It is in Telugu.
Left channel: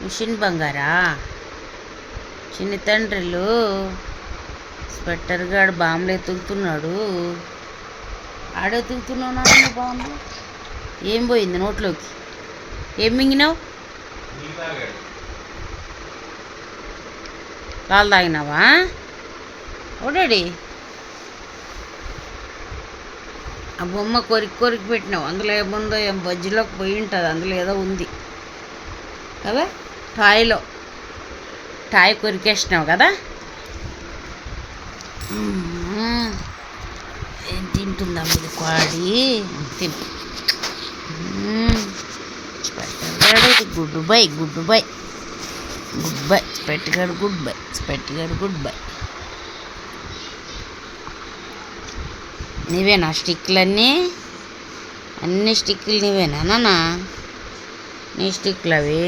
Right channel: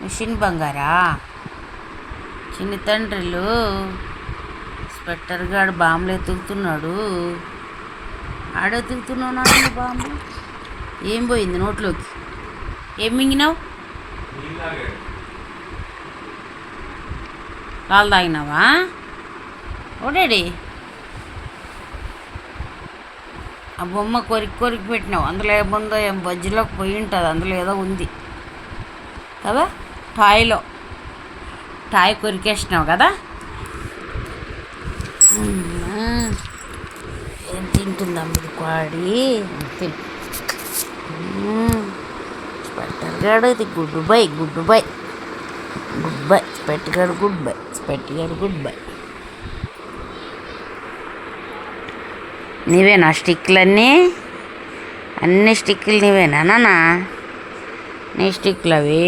మిషన్ బంగారా చిన్ని తండ్రిలు స్వెట్టర్ గాడు బాంబులు ఎత్తుకుతున్నాడు. ఆడెత్తుకుతున్నావు నాన్న బాంబులు. ఏం పోయింది నోట్లోకి? ఏం మింగినావు? పాలు తాగినావా? ఓడాడి ఆ బొమ్మ కొరికి పెట్టినావు. అందులో ఏముందో ఏం బజ్జీలోకి పోయి ఉంటుంది. అందులో ఏదో ఉంది కదా, టాయ్ కొరికేసినావు కదా. ఏం తింటుందా మీరు కోడి? స్పెట్టర్గాడు గుడ్ బై స్పెట్గాడు గుడ్ బై. నీవేనా స్టిక్లన్నీ? అన్ని స్టిక్లు నీవేనా నాన్న? నీ స్టిక్లు అవి